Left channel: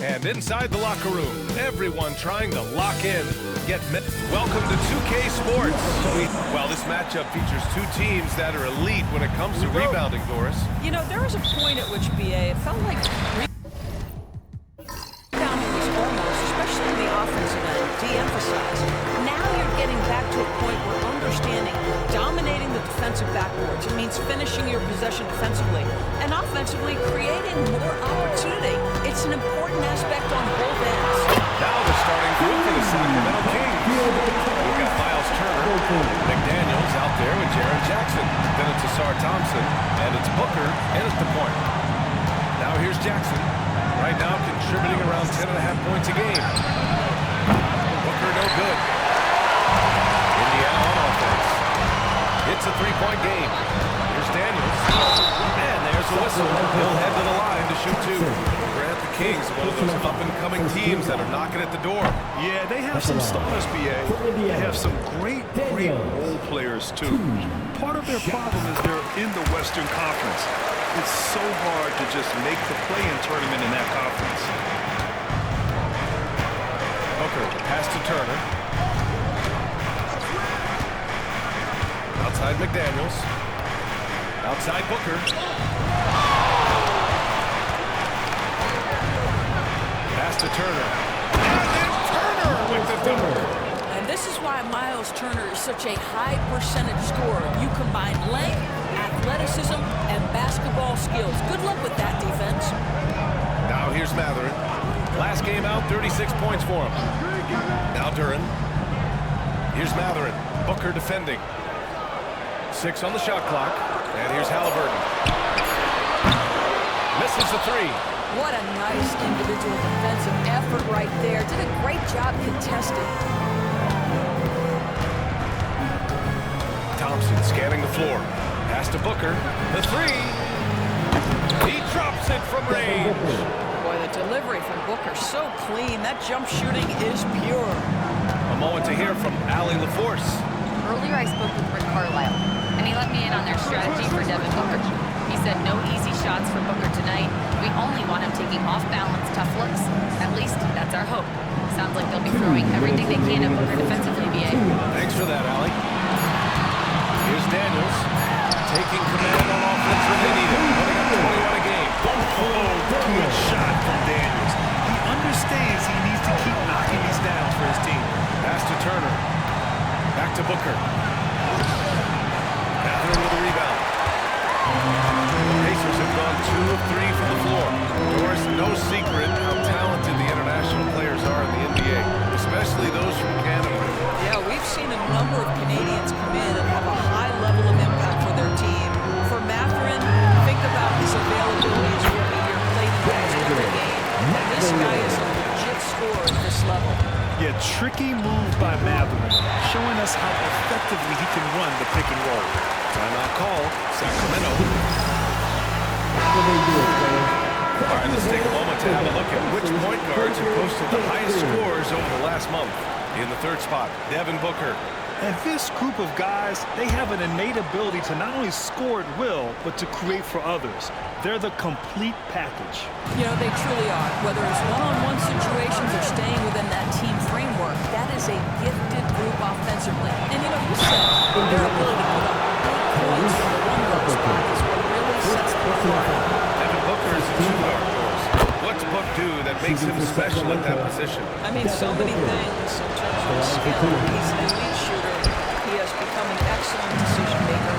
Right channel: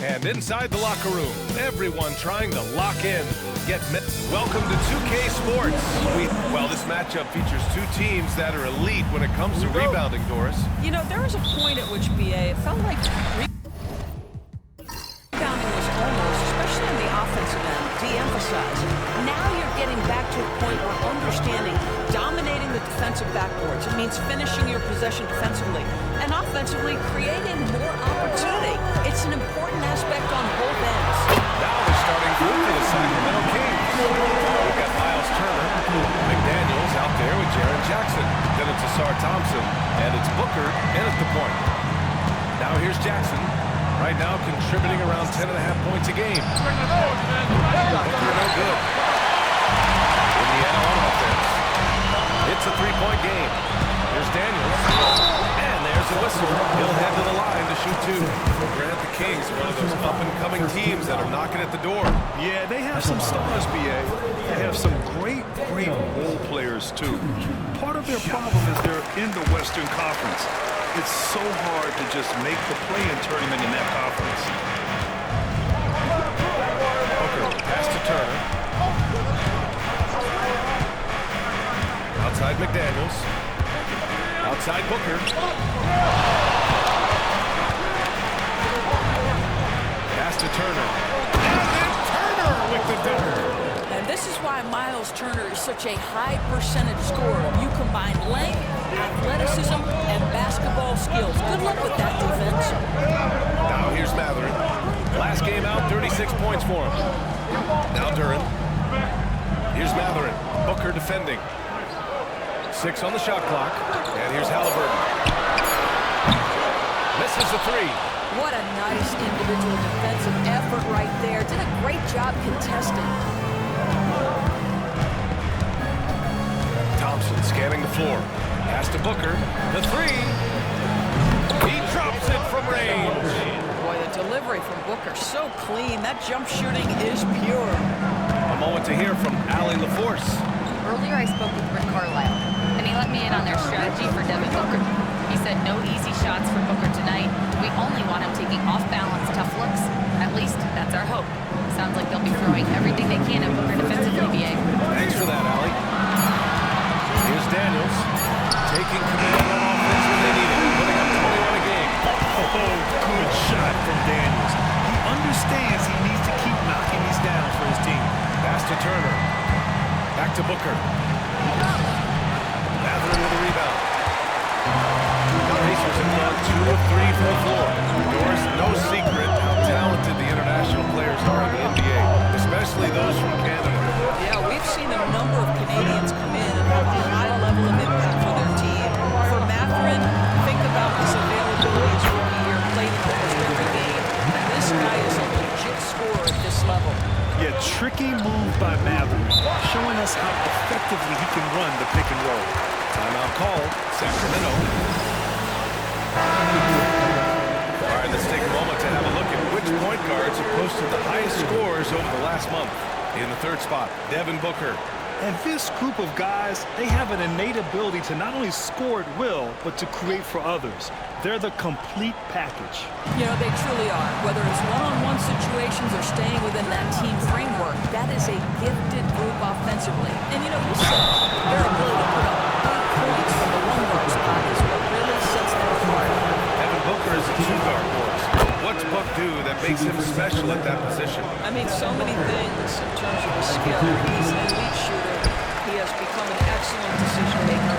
And inside the locker room, everyone trying to lock in. Welcome to 2K Sports. Well, this matchup features two teams that are elite when it comes to rebounding, Doris. You know, there was a point at which, BA, it felt like rebounding was almost, especially on the offensive end, de-emphasized. Now you're getting back to a point where understanding dominating the defensive backboards. It means finishing your possession defensively and offensively creating more opportunity. It's an important aspect on both ends. Now the starting group for the Sacramento Kings. We've got Miles Turner, McDaniels out there with Jaren Jackson. Then it's Asar Thompson, and it's Booker in at the point. Now here's Jackson. Right now contributing around 10.5 points a game. Booker no good. Indiana on offense. It's a three-point game. Here's Daniels. And there's a whistle. He'll head to the line to shoot two. Grant, the Kings are one of those up-and-coming teams that are knocking at the door. Yeah, they have some stars, BA. They have some great role players, too. Part of their problem is they're in the Western Conference. It's so hard to just make the play-in tournament in that conference. Booker, pass to Turner. Outside McDaniels. Outside Booker. Pass to Turner. And then Turner with the dunk. And this is why Miles Turner is such a high percentage scorer. You combine length, athleticism, and basketball skills. Good luck with that defense. Now here's Mathurin. Last game out, 36 points for him. Now Duran. Here's Mathurin. Booker defending. 6 on the shot clock. And here's Halliburton. Misses the three. What a nice individual defensive effort right there. Did a great job contesting. Thompson scanning the floor. Pass to Booker. The three. He drops it from range. Boy, the delivery from Booker so clean. That jump shooting is pure. A moment to hear from Allie LaForce. Earlier I spoke with Rick Carlisle, and he let me in on their strategy for Devin Booker. He said no easy shots for Booker tonight. We only want him taking off-balance tough looks. At least, that's our hope. Sounds like they'll be throwing everything they can at Booker defensively, BA. Thanks for that, Allie. Here's Daniels, taking command on offense when they need it, putting up 21 a game. Oh, good shot from Daniels. He understands he needs to keep knocking these down for his team. Pass to Turner. Back to Booker. Mathurin with a rebound. Pacers have gone 2 of 3 from the floor. Doris, no secret how talented the international players are in the NBA, especially those from Canada. Yeah, we've seen a number of Canadians come in and have a high level of impact for their team. For Mathurin, think about his availability his rookie year, played in almost every game. And this guy is a legit scorer at this level. Yeah, tricky move by Mathurin, showing us how effectively he can run the pick and roll. Timeout call, Sacramento. All right, let's take a moment to have a look at which point guards have posted the highest scores over the last month. In the third spot, Devin Booker. And this group of guys, they have an innate ability to not only score at will, but to create for others. They're the complete package. You know, they truly are. Whether it's one-on-one situations or staying within that team framework, that is a gifted group offensively. And, you know, you said their ability to put up big points from the one-guard spot is what really sets them apart. Devin Booker is a two-guard, Doris. What's Book do that makes him special at that position? I mean, so many things in terms of his skill. He's an elite shooter. He has become an excellent decision maker.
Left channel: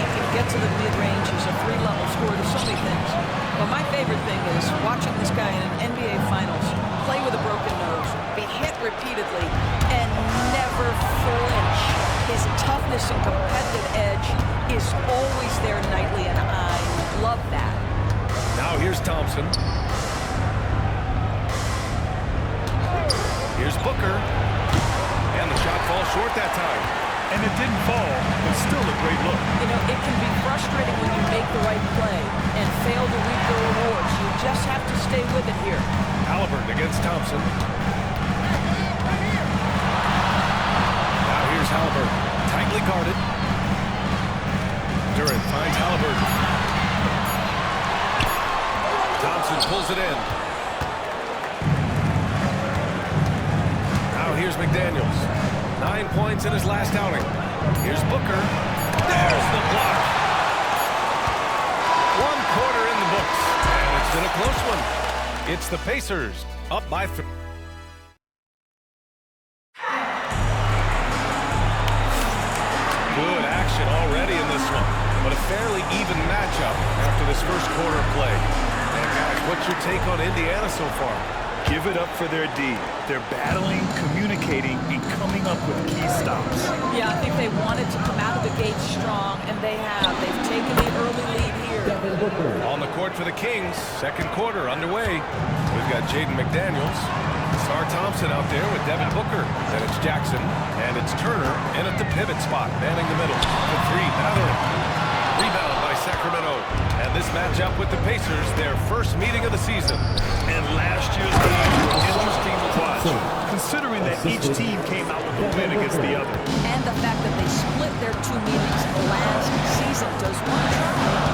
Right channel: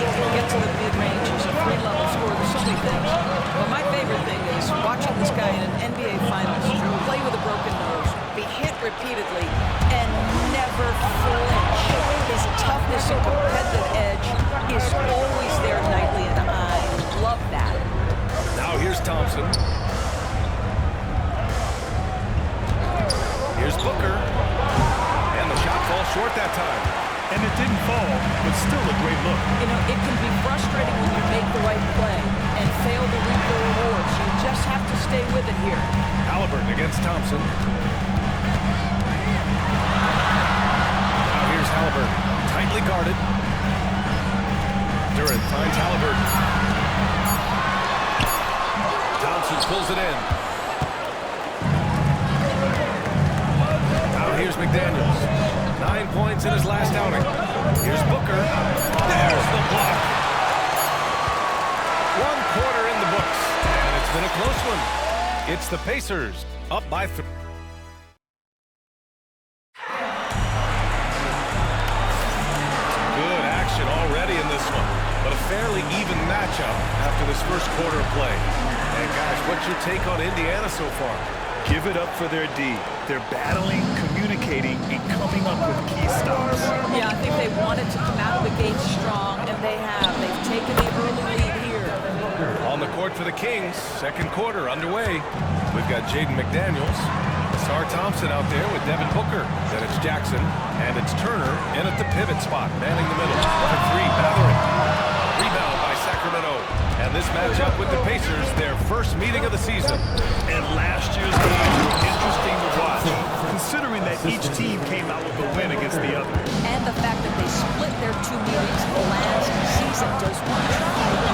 He can get to the mid-range. He's a three-level scorer. There's so many things. But my favorite thing is watching this guy in an NBA Finals play with a broken nose, be hit repeatedly, and never flinch. His toughness and competitive edge is always there nightly, and I love that. Now here's Thompson. Here's Booker. And the shot falls short that time. And it didn't fall, but still a great look. You know, it can be frustrating when you make the right play and fail to reap the rewards. You just have to stay with it here. Halliburton against Thompson. Now here's Halliburton. Tightly guarded. Duran finds Halliburton. Thompson pulls it in. Here's McDaniels. 9 points in his last outing. Here's Booker. There's the block. 1 quarter in the books, and it's been a close one. It's the Pacers up by 3. Good action already in this one, but a fairly even matchup after this first quarter of play. And guys, what's your take on Indiana so far? Give it up for their D. They're battling, communicating, and coming up with key stops. Yeah, I think they wanted to come out of the gate strong, and they have. They've taken the early lead here. On the court for the Kings, second quarter underway. We've got Jaden McDaniels, R. Thompson out there with Devin Booker. Then it's Jackson, and it's Turner in at the pivot spot, manning the middle. For 3, Mathurin. Rebound by Sacramento. And this matchup with the Pacers, their first meeting of the season. And last year's games were interesting to watch, considering that each team came out with a win against the other. And the fact that they split their 2 meetings last season. Does one try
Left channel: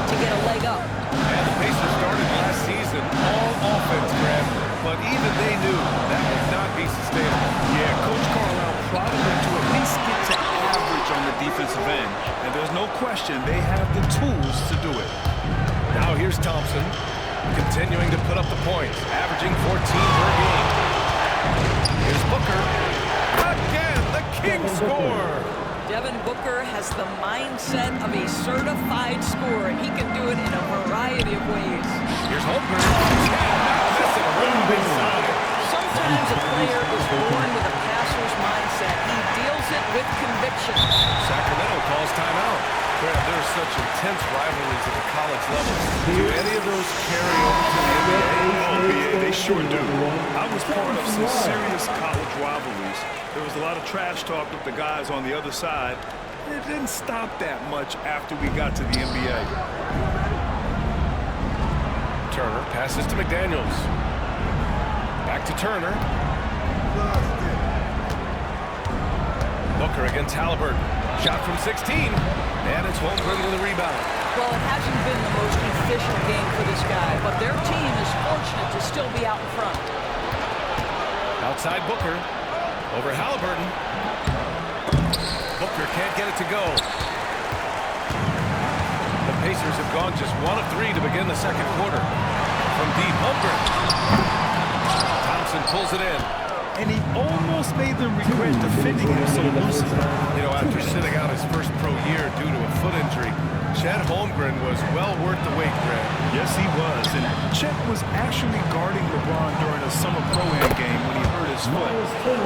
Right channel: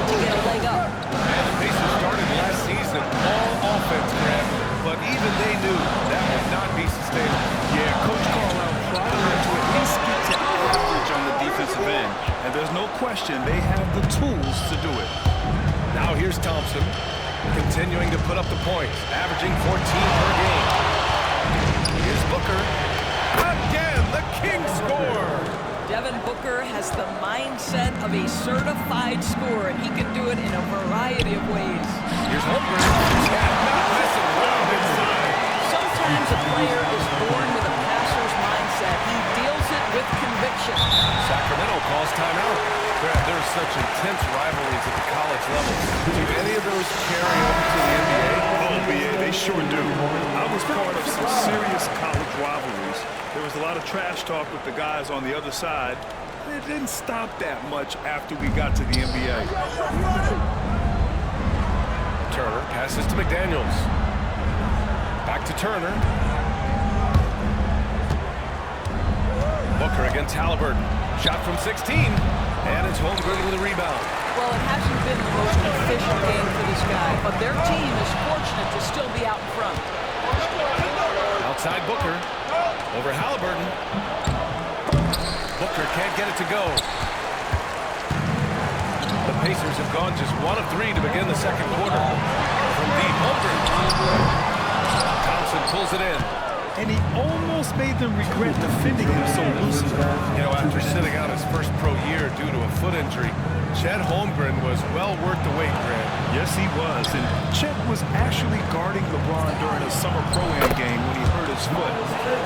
to get a leg up? And the Pacers started last season all offense, Grant, but even they knew that would not be sustainable. Yeah, Coach Carlisle prodded them to at least get to average on the defensive end. And there's no question they have the tools to do it. Now here's Thompson, continuing to put up the points, averaging 14 per game. Here's Booker. Again, the Kings score. Devin Booker has the mindset of a certified scorer, and he can do it in a variety of ways. Here's Holmgren. Not messing around inside. Sometimes a player is born with a passer's mindset. He deals it with conviction. Sacramento calls timeout. Grant, there are such intense rivalries at the college level. Do any of those carry over to the NBA? Oh, BA, they sure do. I was part of some serious college rivalries. There was a lot of trash talk with the guys on the other side, and it didn't stop that much after we got to the NBA. Turner passes to McDaniels. Back to Turner. Booker against Halliburton. Shot from 16. And it's Holmgren with a rebound. Well, it hasn't been the most efficient game for this guy, but their team is fortunate to still be out in front. Outside Booker. Over Halliburton. Booker can't get it to go. The Pacers have gone just 1 of 3 to begin the second quarter. From deep, Holmgren. Thompson pulls it in. And he almost made them regret defending him so loosely. You know, after sitting out his first pro year due to a foot injury, Chet Holmgren was well worth the wait, Grant. Yes, he was. And Chet was actually guarding LeBron during a summer pro-am game when he hurt his foot.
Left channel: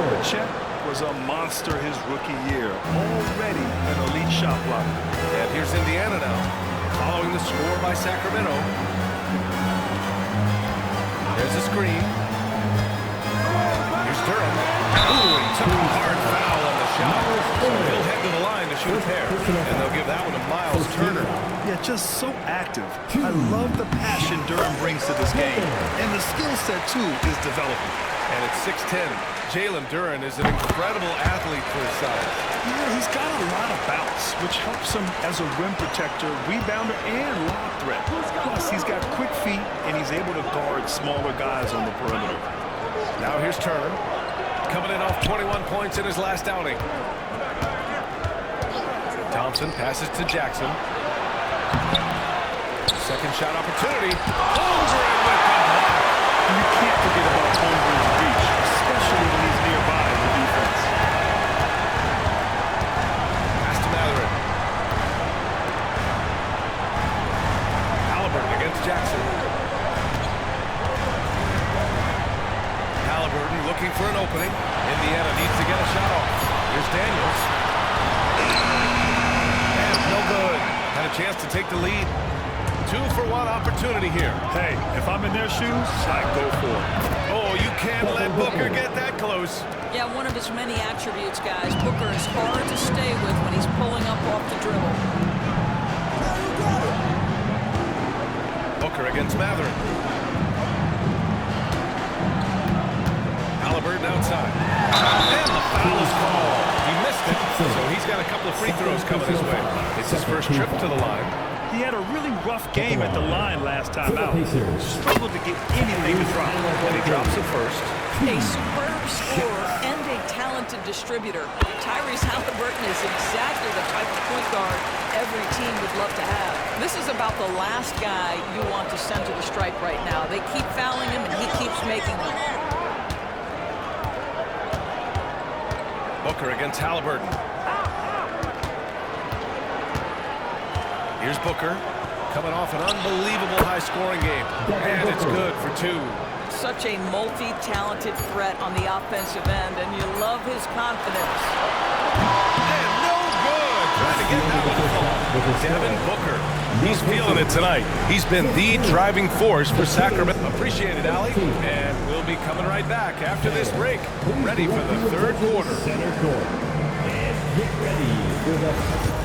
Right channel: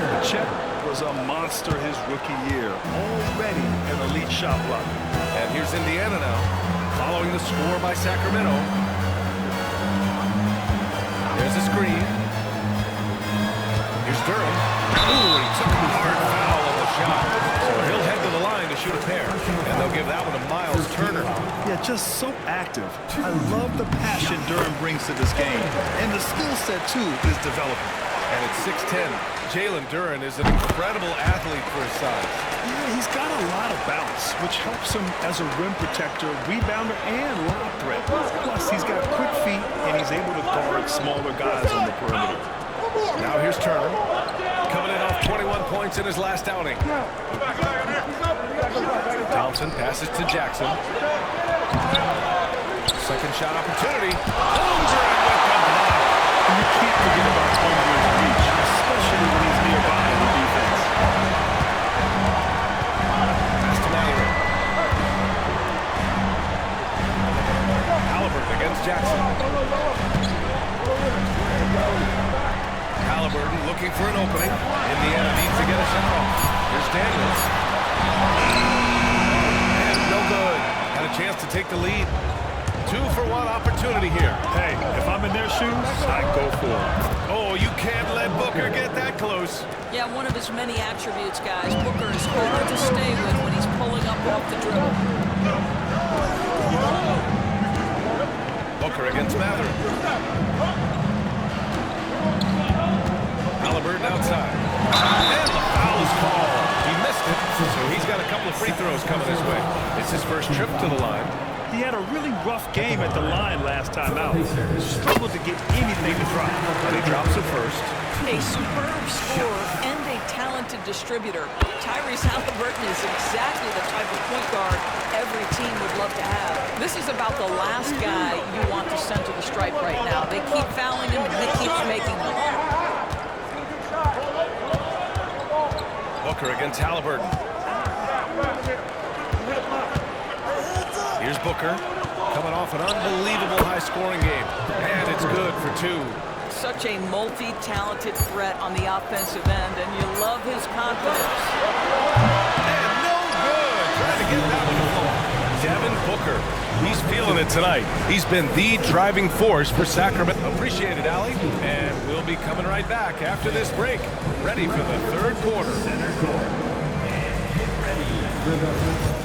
But Chet was a monster his rookie year, already an elite shot blocker. And here's Indiana now, following the score by Sacramento. There's a screen. Here's Durham. Ooh, he took a hard foul on the shot. So he'll head to the line to shoot a pair. And they'll give that one to Miles Turner. Yeah, just so active. I love the passion Durham brings to this game. And the skill set, too, is developing. And at 6'10", Jalen Duren is an incredible athlete for his size. Yeah, he's got a lot of bounce, which helps him as a rim protector, rebounder, and lob threat. Plus, he's got quick feet, and he's able to guard smaller guys on the perimeter. Now here's Turner, coming in off 21 points in his last outing. Thompson passes to Jackson. Second shot opportunity. Holmgren with the block. And you can't forget about Holmgren's reach, especially when he's nearby the defense. Pass to Mathurin. Halliburton against Jackson. Halliburton looking for an opening. Indiana needs to get a shot off. Here's Daniels. And no good. Had a chance to take the lead. 2-for-1 opportunity here. Hey, if I'm in their shoes, I'd go for it. Oh, you can't let Booker get that close. Yeah, one of his many attributes, guys. Booker is hard to stay with when he's pulling up off the dribble. Booker against Mathurin. Halliburton outside. And the foul is called. He missed it, so he's got a couple of free throws coming his way. It's his first trip to the line. He had a really rough game at the line last time out. Struggled to get anything to drop. And he drops it first. A superb scorer and a talented distributor. Tyrese Halliburton is exactly the type of point guard every team would love to have. This is about the last guy you want to send to the stripe right now. They keep fouling him, and he keeps making them. Booker against Halliburton. Here's Booker, coming off an unbelievable high-scoring game. And it's good for 2. Such a multi-talented threat on the offensive end, and you love his confidence. And no good. Trying to get that one to fall. Devin Booker, he's feeling it tonight. He's been the driving force for Sacramento. Appreciate it, Allie. And we'll be coming right back after this break. Ready for the third quarter. Center court. And get ready for the...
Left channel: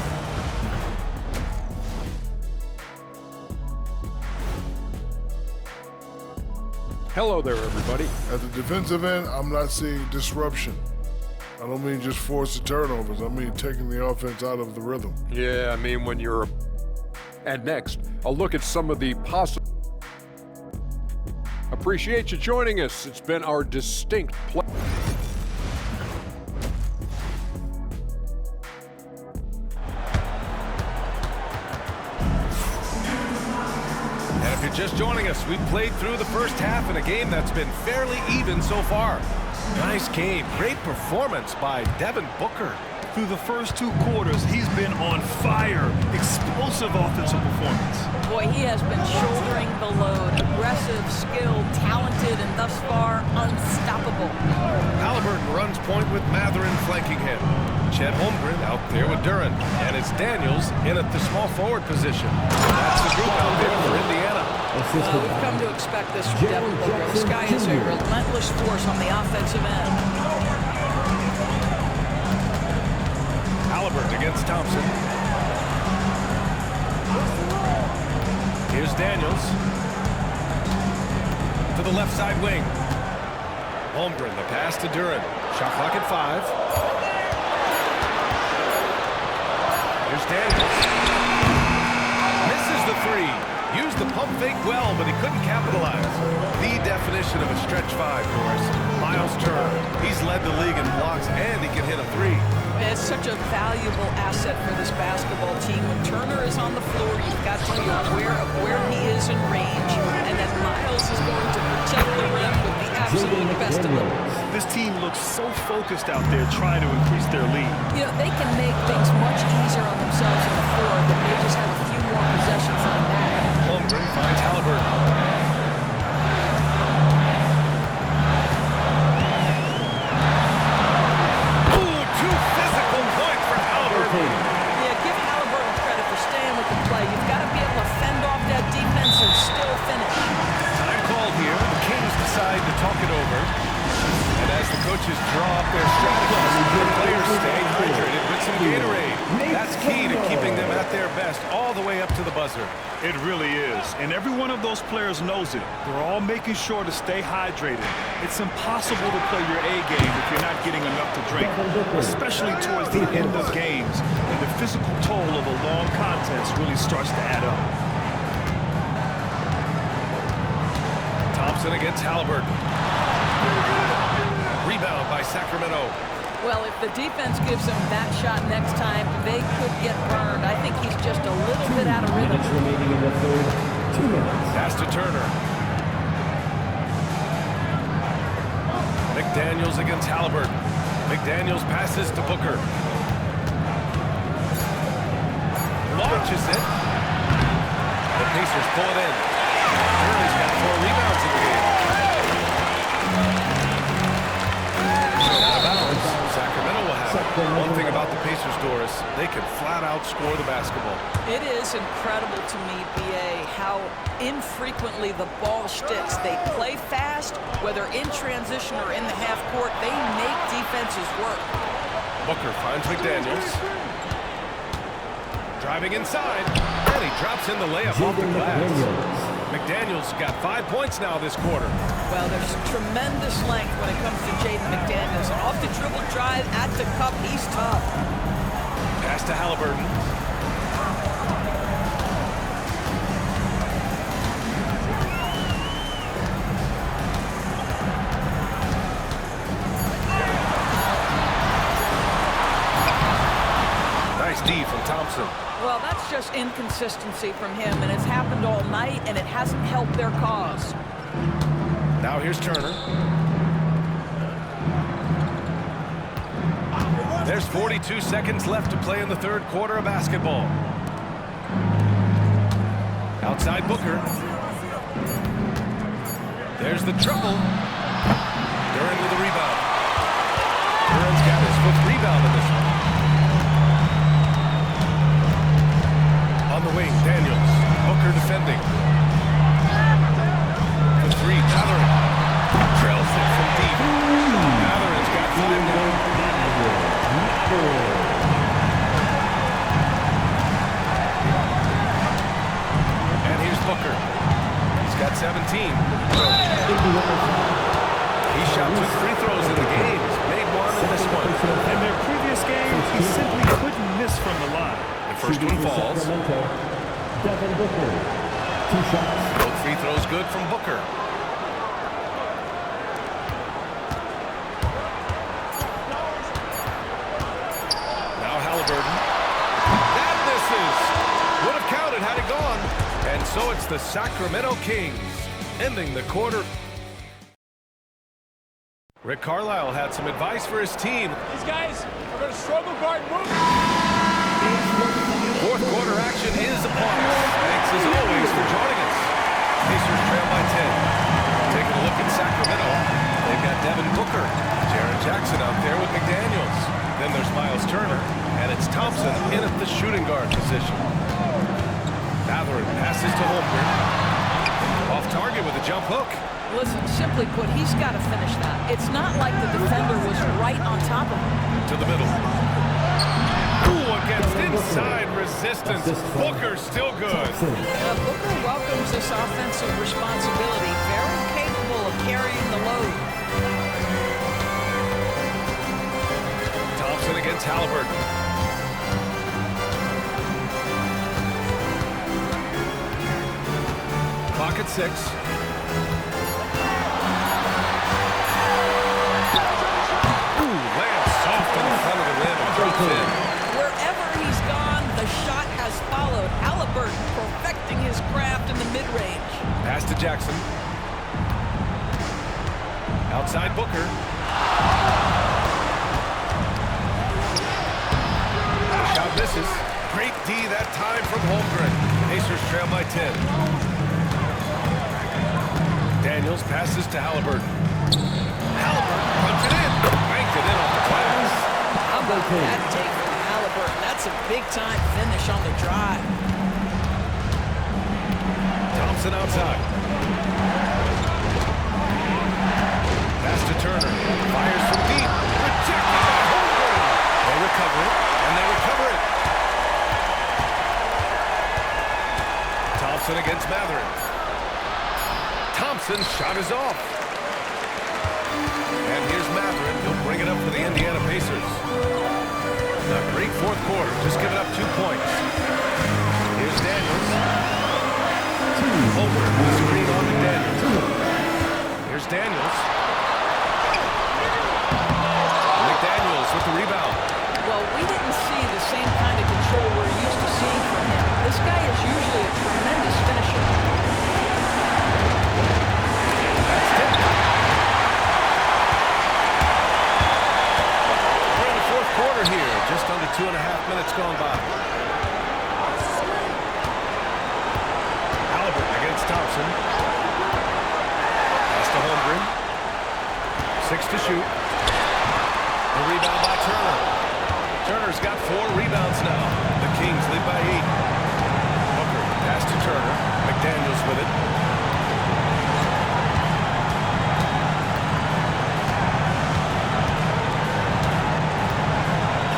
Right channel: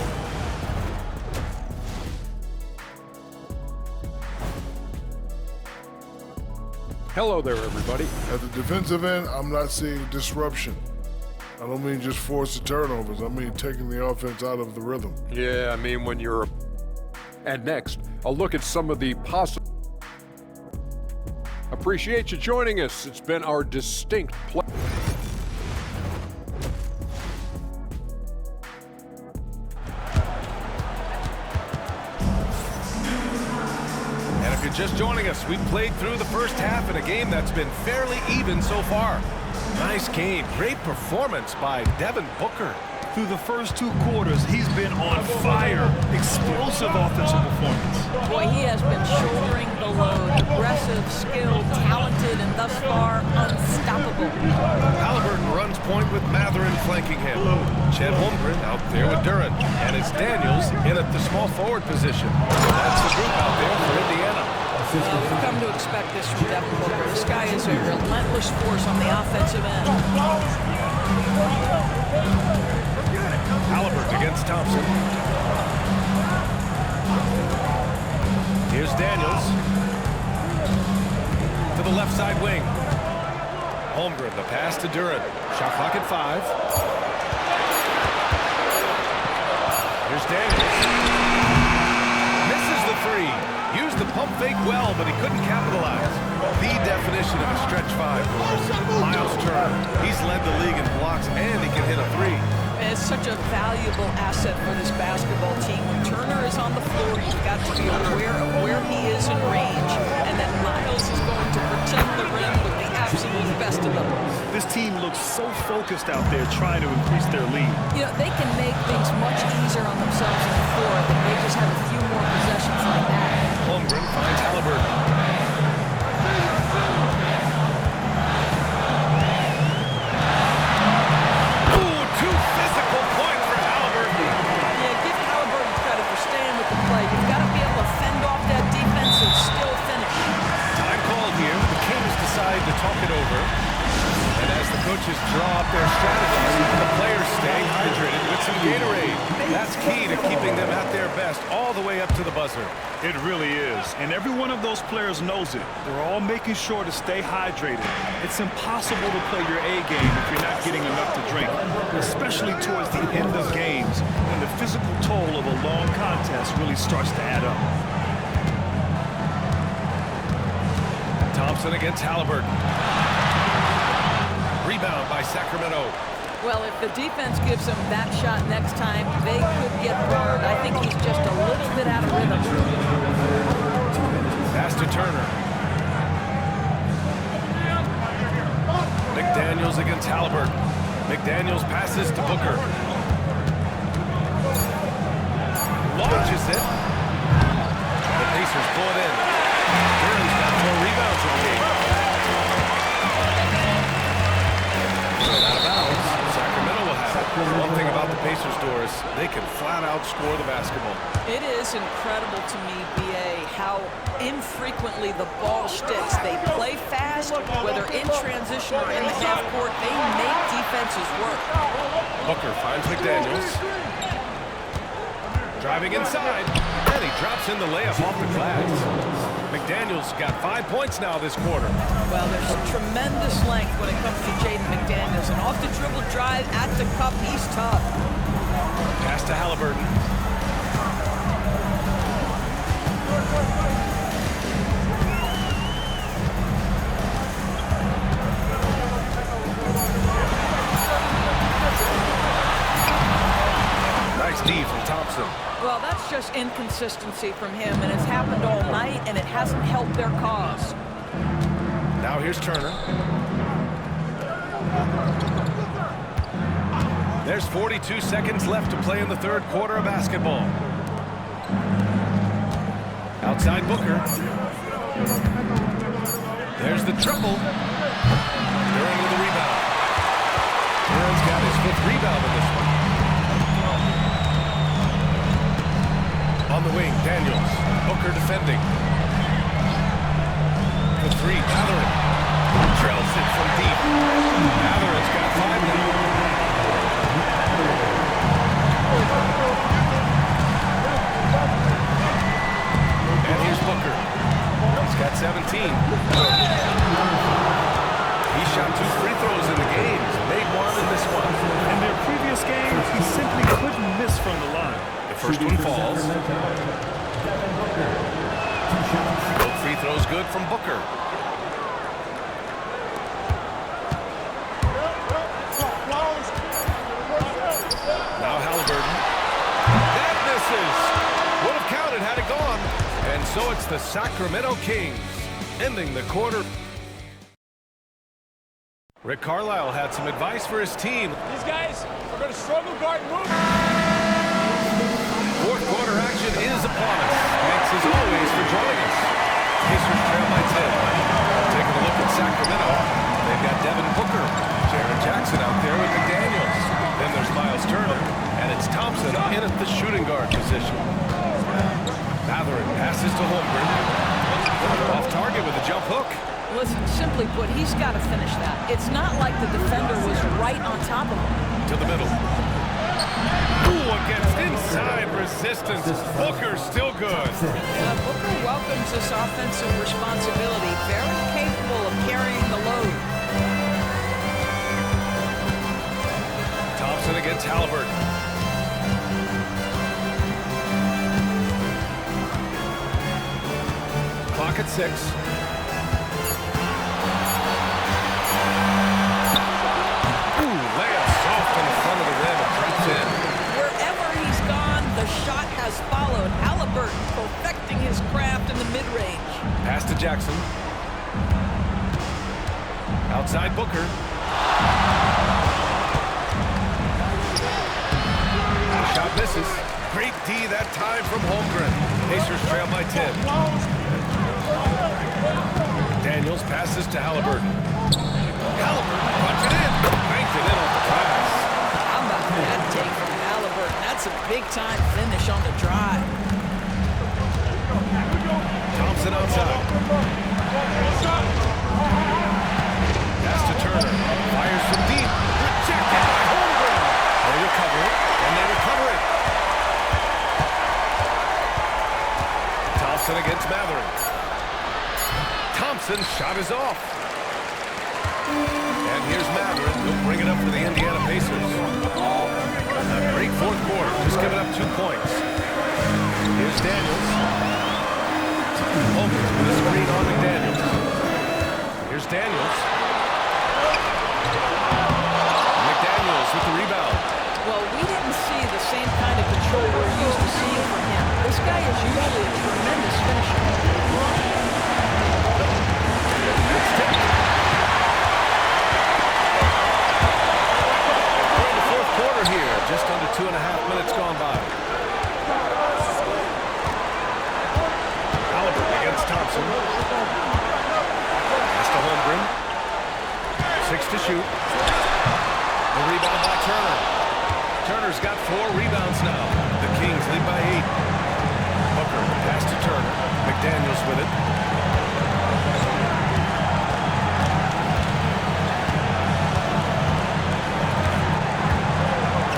Hello there, everybody. At the defensive end, I'm not seeing disruption. I don't mean just forced turnovers. I mean taking the offense out of the rhythm. Yeah, I mean when you're... And next, a look at some of the possible... Appreciate you joining us. It's been our distinct pleasure. And if you're just joining us, we played through the first half in a game that's been fairly even so far. Nice game. Great performance by Devin Booker. Through the first 2 quarters, he's been on fire. Explosive offensive performance. Boy, he has been shouldering the load. Aggressive, skilled, talented, and thus far, unstoppable. Halliburton runs point with Matherin flanking him. Chet Holmgren out there with Duren. And it's Daniels in at the small forward position. That's the group out there for Indiana. We've come to expect this from Devin Booker. This guy is a relentless force on the offensive end. Halliburton against Thompson. Here's Daniels. To the left side wing. Holmgren, the pass to Duren. Shot clock at 5. Here's Daniels. Misses the 3. Used the pump fake well, but he couldn't capitalize. The definition of a stretch 5, Doris. Miles Turner. He's led the league in blocks, and he can hit a 3. It's such a valuable asset for this basketball team. When Turner is on the floor, you've got to be aware of where he is in range, and that Miles is going to protect the rim with the absolute best of them. This team looks so focused out there trying to increase their lead. You know, they can make things much easier on themselves on the floor if they just have a few more possessions like that. Holmgren finds Halliburton. Physical points for Halliburton. Yeah, give Halliburton credit for staying with the play. You've got to be able to fend off that defense and still finish. Time called here. The Kings decide to talk it over. And as the coaches draw up their strategies, the players stay hydrated with some Gatorade. That's key to keeping them at their best all the way up to the buzzer. It really is. And every one of those players knows it. They're all making sure to stay hydrated. It's impossible to play your A game if you're not getting enough to drink, especially towards the end of games when the physical toll of a long contest really starts to add up. Thompson against Halliburton. Rebound by Sacramento. Well, if the defense gives him that shot next time, they could get burned. I think he's just a little bit out of rhythm. Pass to Turner. McDaniels against Halliburton. McDaniels passes to Booker. Launches it. The Pacers pull it in. Duren's got 4 rebounds in the game. Out of bounds. Sacramento will have it. One thing about the Pacers, Doris, they can flat out score the basketball. It is incredible to me, B.A., how infrequently the ball sticks. They play fast, whether in transition or in the half court. They make defenses work. Booker finds McDaniels. Driving inside, and he drops in the layup off the glass. McDaniels got 5 points now this quarter. Well, there's tremendous length when it comes to Jaden McDaniels. And off the dribble drive at the cup, he's tough. Pass to Halliburton. Nice D from Thompson. Well, that's just inconsistency from him, and it's happened all night, and it hasn't helped their cause. Now here's Turner. There's 42 seconds left to play in the third quarter of basketball. Outside Booker. There's the triple. Duran with the rebound. Duran's got his 5th rebound in this one. On the wing, Daniels. Booker defending. For 3, Mathurin. Trails it from deep. Mathurin's got 5 now. And here's Booker. He's got 17. He shot 2 free throws in the game. He's made 1 and missed 1. In their previous game, he simply couldn't miss from the line. The first one falls. Devin Booker. 2 shots. Both free throws good from Booker. Now Halliburton. That misses. Would have counted had it gone. And so it's the Sacramento Kings ending the quarter. Rick Carlisle had some advice for his team. These guys are going to struggle guarding move. Fourth quarter action is upon us. Thanks as always for joining us. Pacers trail by 10. Taking a look at Sacramento. They've got Devin Booker, Jaren Jackson out there with McDaniels. Then there's Miles Turner, and it's Thompson in at the shooting guard position. Mathurin passes to Holmgren. Off target with a jump hook. Listen, simply put, he's got to finish that. It's not like the defender was right on top of him. To the middle. Ooh, against inside resistance. Booker's still good. Booker welcomes this offensive responsibility. Very capable of carrying the load. Thompson against Halliburton. Clock at 6. Lands soft on the front of the rim and drops in. Wherever he's gone, the shot has followed. Halliburton perfecting his craft in the mid-range. Pass to Jackson. Outside Booker. The shot misses. Great D that time from Holmgren. Pacers trail by 10. Daniels passes to Halliburton. Halliburton punch it in. Banked it in off the glass. How about that take from Halliburton? That's a big-time finish on the drive. Thompson outside. Pass to Turner. Fires from deep. Rejected by Holmgren. They recover it, and they recover it. Thompson against Mathurin. Thompson's shot is off. And here's Mathurin. He'll bring it up for the Indiana Pacers. A great fourth quarter, just giving up 2 points. Here's Daniels. Over with a screen on McDaniels. Here's Daniels. McDaniels with the rebound. Well, we didn't see the same kind of control we're used to seeing from him. This guy is usually a tremendous finisher. That's tipped. We're in the fourth quarter here. Just under 2.5 minutes gone by. Halliburton against Thompson. Pass to Holmgren. 6 to shoot. The rebound by Turner. Turner's got 4 rebounds now. The Kings lead by 8. Booker, the pass to Turner. McDaniels with it.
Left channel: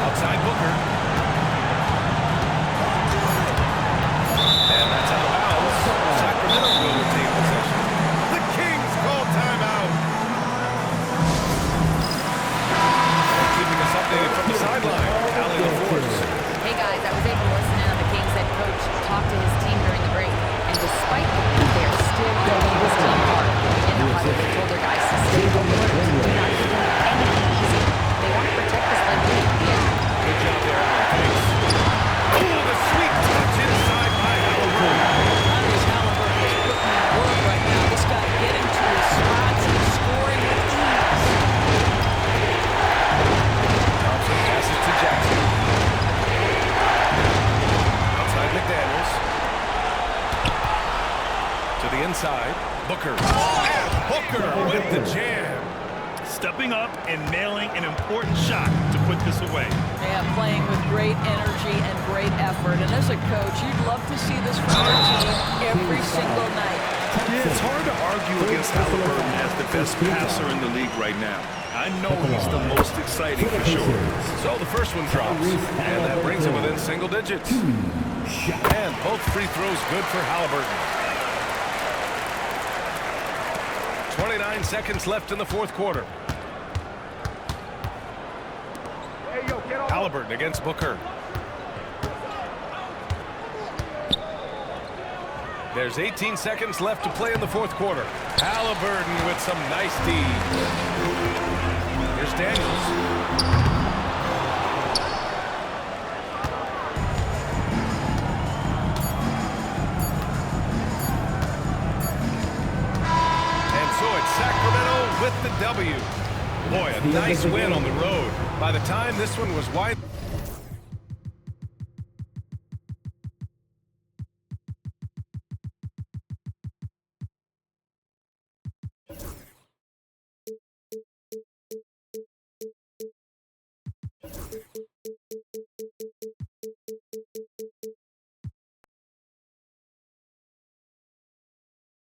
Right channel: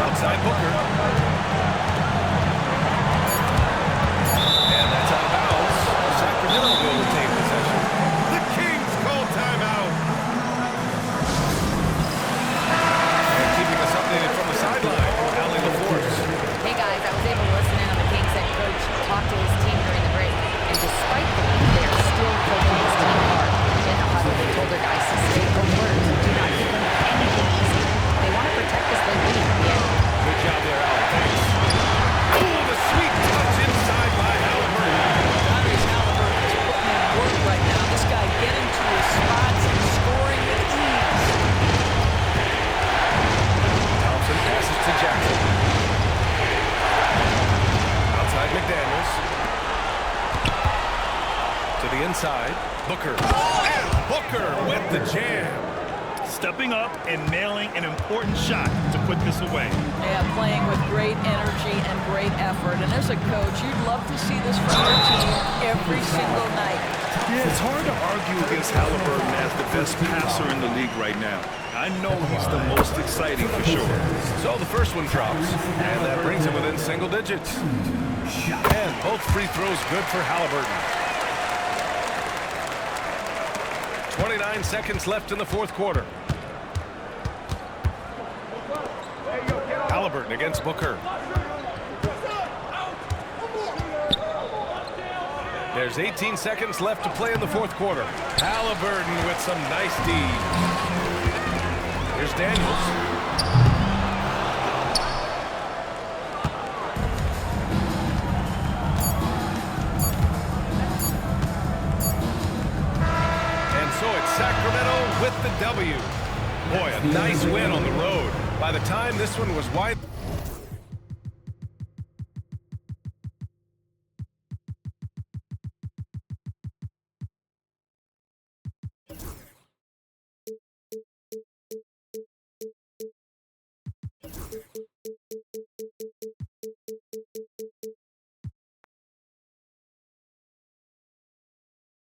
Outside Booker. And that's out of bounds. Sacramento will retain possession. The Kings call timeout. And keeping us updated from the sideline, Allie LaForce. Hey guys, I was able to listen in on the Kings head coach talk to his team during the break. And despite the lead, they are still coaching his team hard. In the huddle, they told their guys to stay alert. Do not give them anything easy. They want to protect this late lead at the end. Good job there, Allie. Thanks. to Jackson. Outside McDaniels. To the inside. Booker. And Booker with the jam. Stepping up and nailing an important shot to put this away. Yeah, playing with great energy and great effort. And as a coach, you'd love to see this from your team every single night. Yeah, it's hard to argue against Halliburton as the best passer in the league right now. I know he's the most exciting for sure. So the first one drops, and that brings it within single digits. And both free throws good for Halliburton. 29 seconds left in the fourth quarter. Halliburton against Booker. There's 18 seconds left to play in the fourth quarter. Halliburton with some nice D. Here's Daniels. And so it's Sacramento with the W. Boy, a nice win on the road. By the time this one was wide.